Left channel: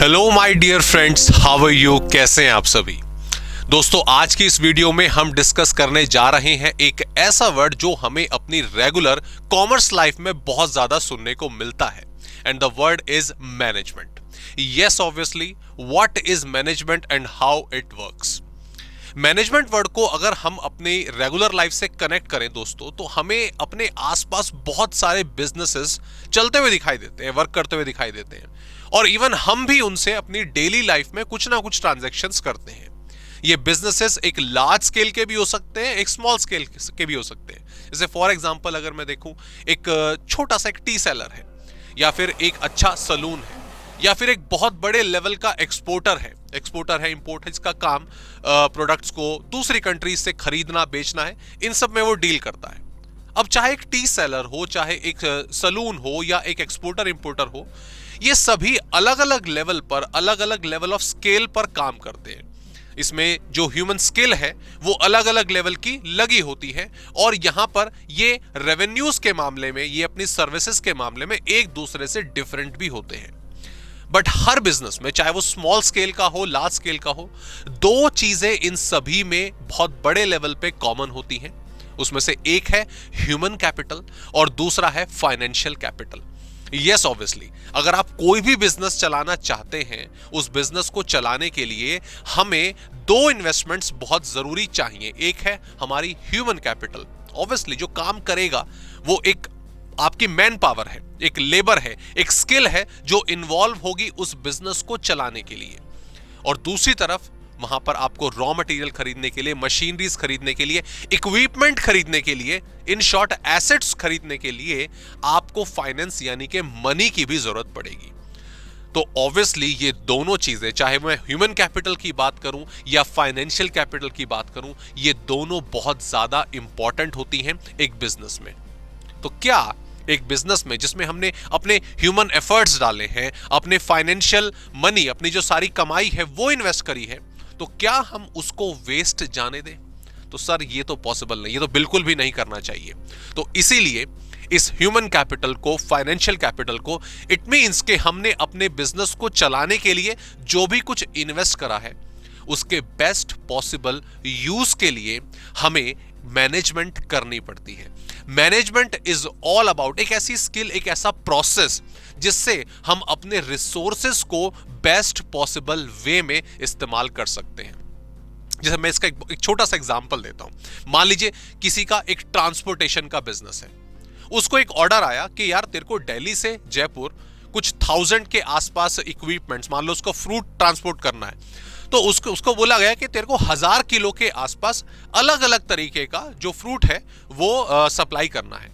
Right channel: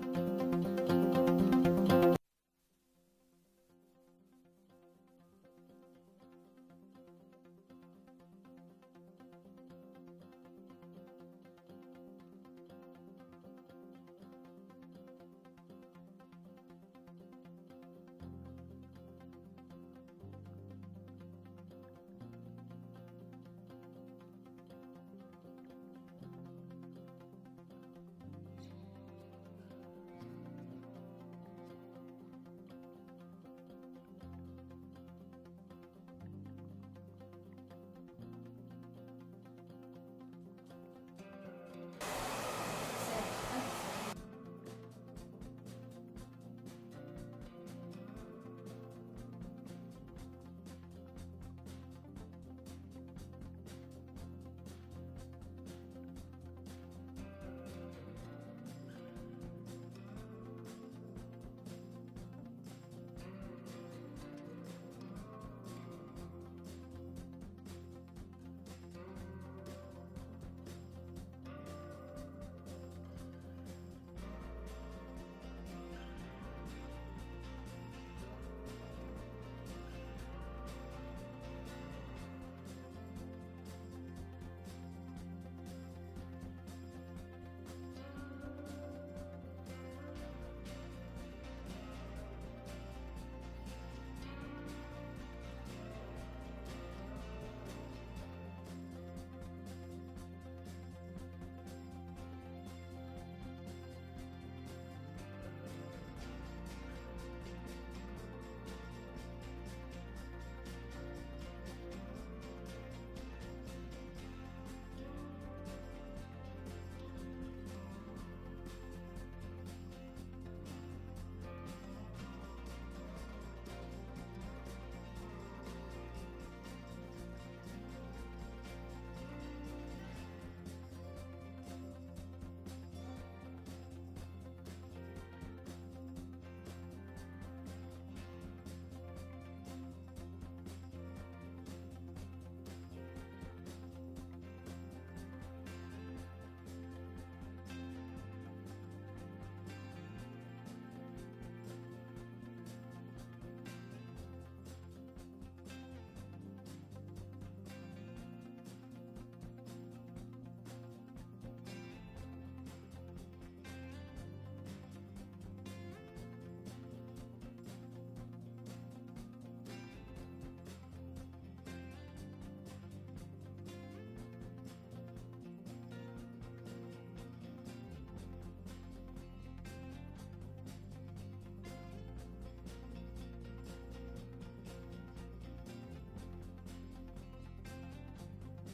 Hello my dear friends, how are you? कैसे हैं आप सभी दोस्तों? आज की इस वीडियो में हम डिस्कस करने जा रहे हैं एक ऐसा वर्ड जो हमें अपनी रेगुलर कॉमर्स लाइफ में बहुत ज्यादा सुनने को मिलता है, and the word is management. Yes, obviously, what is management and how it works. Management word को अगर हम अपने रेगुलर लाइफ से कनेक्ट करें दोस्तों, तो हमें अपने आसपास बहुत सारे बिजनेसेस चलते हुए दिखाई देते हैं, वर्क करते हुए दिखाई देते हैं, और इवन हम भी उनसे अपनी डेली लाइफ में कुछ ना कुछ ट्रांजैक्शंस करते हैं। ये बिजनेसेस एक लार्ज स्केल के भी हो सकते हैं, एक स्मॉल स्केल के भी हो सकते हैं। जैसे फॉर एग्जांपल अगर मैं देखूं, एक छोटा सा एक टी सेलर है, या फिर एक अच्छा सलून है, या फिर एक बहुत बड़े लेवल का एक्सपोर्टर है, इंपोर्ट है, इसका काम प्रोडक्ट्स को दूसरी कंट्रीज से खरीदना बेचना है, इन सब में वो डील करता है। अब चाहे एक टी सेलर हो, चाहे एक सलून हो, या एक एक्सपोर्टर इंपोर्टर हो, ये सभी अलग अलग लेवल पर, अलग अलग लेवल ऑफ स्केल पर काम करते हैं। इसमें जो ह्यूमन स्किल है वो अलग अलग लेवल की लगी होती है, और यहां पर ये रेवेन्यूज के मामले में, ये अपनी सर्विसेज के मामले में एक दूसरे से डिफरेंट भी होते हैं। बट हर बिजनेस में, चाहे वो स्मॉल स्केल का हो, लार्ज स्केल का हो, दो चीजें इन सभी में बहुत बड़े लेवल पे कॉमन होती हैं। उसमें से एक है ह्यूमन कैपिटल और दूसरा है फाइनेंशियल कैपिटल। यस, ऑब्वियसली, अगर आप कोई भी बिजनेस चलाना चाहते हैं, उस बिजनेस को चलाने के लिए हमें दो इन्वेस्टमेंट्स बहुत जरूरी चाहिए। एक है हमारी ह्यूमन कैपिटल, ऑब्वियसली जो काम करेगा वो एक आपकी मैन पावर है, एक लेबर है, एक स्किल है जो इन्वॉल्व होगी उस बिजनेस को चलाने के लिए। और दूसरी तरफ वहां पर आपको रॉ मटेरियल खरीदने के लिए, मशीनरीज खरीदने के लिए, इक्विपमेंट खरीदने के लिए, इन शॉर्ट एसेट्स खरीदने के लिए आपको फाइनेंस यानी कि मनी की भी जरूरत पड़ेगी। तो ऑब्वियसली ये दोनों चीजें, चाहे मैं ह्यूमन कैपिटल की बात करूं या फाइनेंशियल कैपिटल की बात करूं, ये दोनों बहुत ज्यादा इंपॉर्टेंट होती हैं एक बिजनेस में। तो क्या एक बिजनेस में जिसमें हमने अपने ह्यूमन एफर्ट्स डाले हैं, अपने फाइनेंशियल मनी, अपनी जो सारी कमाई है वो इन्वेस्ट करी है, तो क्या हम उसको वेस्ट जाने दें? तो सर ये तो पॉसिबल नहीं, ये तो बिल्कुल भी नहीं करना चाहिए। तो इसीलिए इस ह्यूमन कैपिटल को, फाइनेंशियल कैपिटल को, इट मींस कि हमने अपने बिजनेस को चलाने के लिए जो भी कुछ इन्वेस्ट करा है, उसके बेस्ट पॉसिबल यूज के लिए हमें मैनेजमेंट करनी पड़ती है। मैनेजमेंट इज ऑल अबाउट एक ऐसी स्किल, एक ऐसा प्रोसेस जिससे हम अपने रिसोर्सेस को बेस्ट पॉसिबल वे में इस्तेमाल कर सकते हैं। जैसे मैं इसका एक छोटा सा एग्जांपल देता हूं। मान लीजिए किसी का एक ट्रांसपोर्टेशन का बिजनेस है, उसको एक ऑर्डर आया कि यार तेरे को दिल्ली से जयपुर कुछ 1000 के आसपास इक्विपमेंट्स, मान लो उसको फ्रूट ट्रांसपोर्ट करना है, तो उसको बोला गया कि तेरे को 1000 किलो के आसपास अलग अलग तरीके का जो फ्रूट है वो सप्लाई करना है।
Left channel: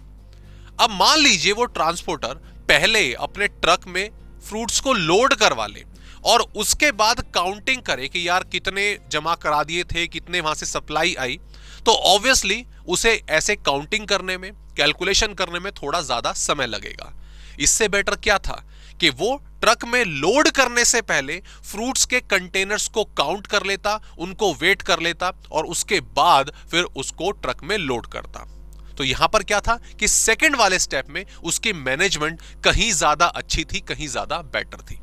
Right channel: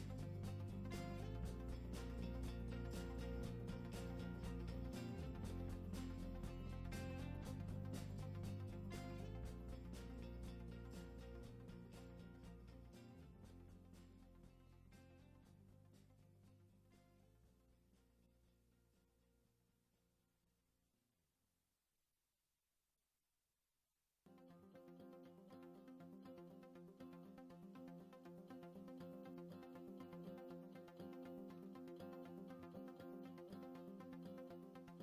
अब मान लीजिए वो ट्रांसपोर्टर पहले अपने ट्रक में फ्रूट्स को लोड करवा ले और उसके बाद काउंटिंग करे कि यार कितने जमा करा दिए थे, कितने वहां से सप्लाई आई, तो ऑब्वियसली उसे ऐसे काउंटिंग करने में, कैलकुलेशन करने में थोड़ा ज्यादा समय लगेगा। इससे बेटर क्या था कि वो ट्रक में लोड करने से पहले फ्रूट्स के कंटेनर्स को काउंट कर लेता, उनको वेट कर लेता, और उसके बाद फिर उसको ट्रक में लोड करता। तो यहां पर क्या था कि सेकंड वाले स्टेप में उसकी मैनेजमेंट कहीं ज्यादा अच्छी थी, कहीं ज्यादा बेटर थी।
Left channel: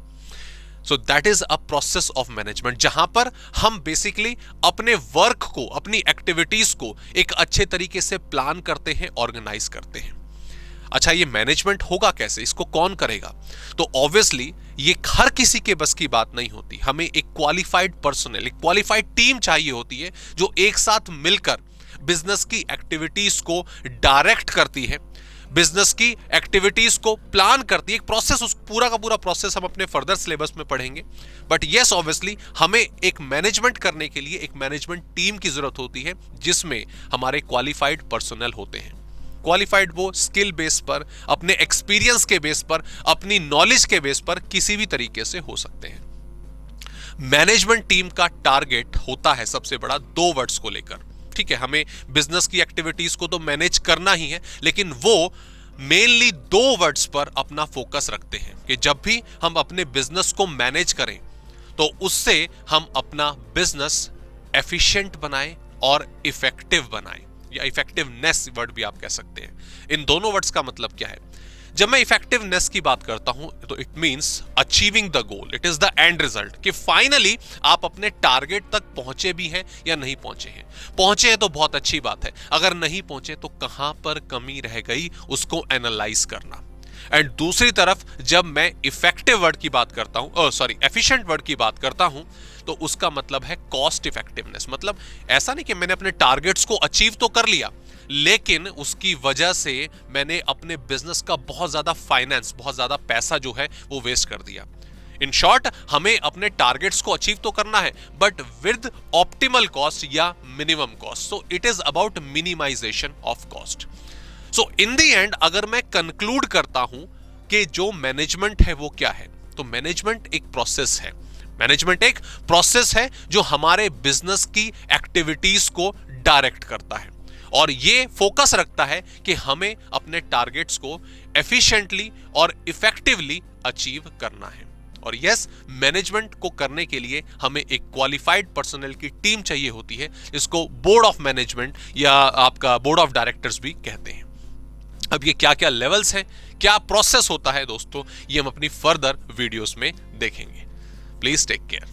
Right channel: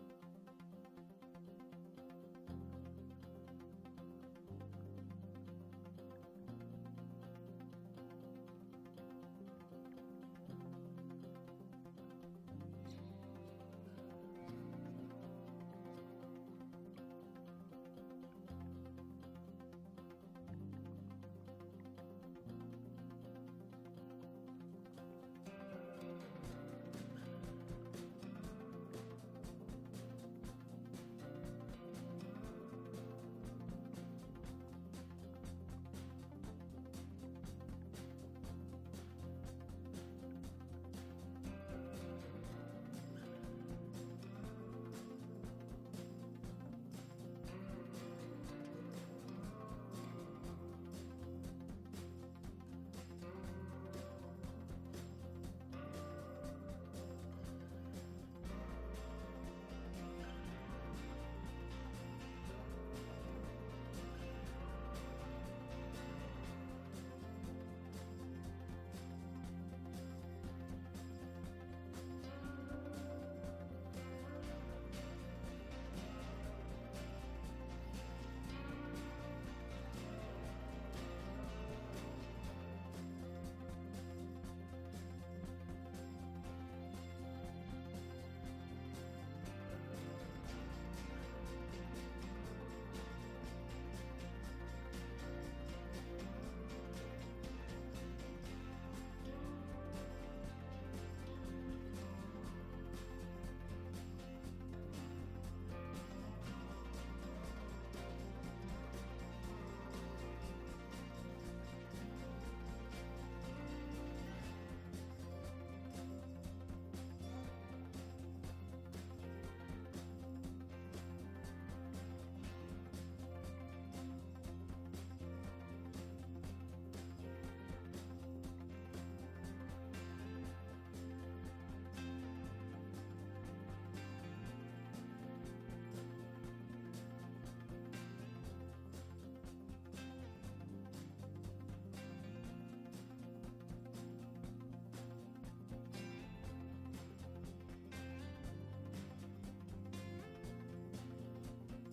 So that is a process of management, जहां पर हम बेसिकली अपने वर्क को, अपनी एक्टिविटीज को एक अच्छे तरीके से प्लान करते हैं, ऑर्गेनाइज करते हैं। अच्छा, ये मैनेजमेंट होगा कैसे, इसको कौन करेगा? तो ऑब्वियसली ये हर किसी के बस की बात नहीं होती। हमें एक क्वालिफाइड पर्सनल, एक क्वालिफाइड टीम चाहिए होती है जो एक साथ मिलकर बिजनेस की एक्टिविटीज को डायरेक्ट करती है, बिजनेस की एक्टिविटीज को प्लान करती है। एक प्रोसेस, उस पूरा का पूरा प्रोसेस हम अपने फर्दर सिलेबस में पढ़ेंगे। बट यस, ऑब्वियसली हमें एक मैनेजमेंट करने के लिए एक मैनेजमेंट टीम की जरूरत होती है जिसमें हमारे क्वालिफाइड पर्सनल होते हैं। क्वालिफाइड वो स्किल बेस पर, अपने एक्सपीरियंस के बेस पर, अपनी नॉलेज के बेस पर किसी भी तरीके से हो सकते हैं। मैनेजमेंट टीम का टारगेट होता है सबसे बड़ा दो वर्ड्स को लेकर। ठीक है, हमें बिजनेस की एक्टिविटीज को तो मैनेज करना ही है, लेकिन वो मेनली दो वर्ड्स पर अपना फोकस रखते हैं कि जब भी हम अपने बिजनेस को मैनेज करें तो उससे हम अपना बिजनेस एफिशिएंट बनाएं और इफेक्टिव बनाएं, या इफेक्टिवनेस वर्ड भी आप कह सकते हैं। इन दोनों वर्ड्स का मतलब क्या है? जब मैं इफेक्टिवनेस की बात करता हूं तो it means achieving the goal, it is the end result, कि फाइनली आप अपने टारगेट तक पहुंचे भी हैं या नहीं पहुंचे हैं। पहुंचे हैं तो बहुत अच्छी बात है, अगर नहीं पहुंचे तो कहां पर कमी रह गई उसको एनालाइज करना। एंड दूसरी तरफ जब मैं इफेक्टिव वर्ड की बात करता हूं, एफिशिएंट वर्ड की बात करता हूं, तो उसका मतलब है कॉस्ट इफेक्टिवनेस। मतलब ऐसा नहीं कि मैंने अपने टारगेट्स को अचीव तो कर लिया, लेकिन उसकी वजह से मैंने अपने बिजनेस का बहुत ज्यादा फाइनेंस, बहुत ज्यादा पैसा जो है वो वेस्ट कर दिया। इन शॉर्ट, हमें अपने टारगेट्स को अचीव तो करना है, बट विद ऑप्टिमल कॉस्ट या minimum cost. So it is about minimization of cost. So in the end अगर मैं कंक्लूड करता हूं कि जो मैनेजमेंट है वो क्या है, तो मैनेजमेंट एक प्रोसेस है। मैनेजमेंट एक प्रोसेस है जो हमारे बिजनेस की एक्टिविटीज को डायरेक्ट करता है, और ये फोकस रखता है कि हमें अपने टारगेट्स को एफिशिएंटली और इफेक्टिवली अचीव करना है। और यस, मैनेजमेंट को करने के लिए हमें एक क्वालिफाइड पर्सनल की टीम चाहिए होती है। इसको बोर्ड ऑफ मैनेजमेंट या आपका बोर्ड ऑफ डायरेक्टर्स भी कहते हैं। अब ये क्या क्या लेवल्स हैं, क्या प्रोसेस होता है दोस्तों, ये हम अपनी फर्दर वीडियोस में देखेंगे। Please take care.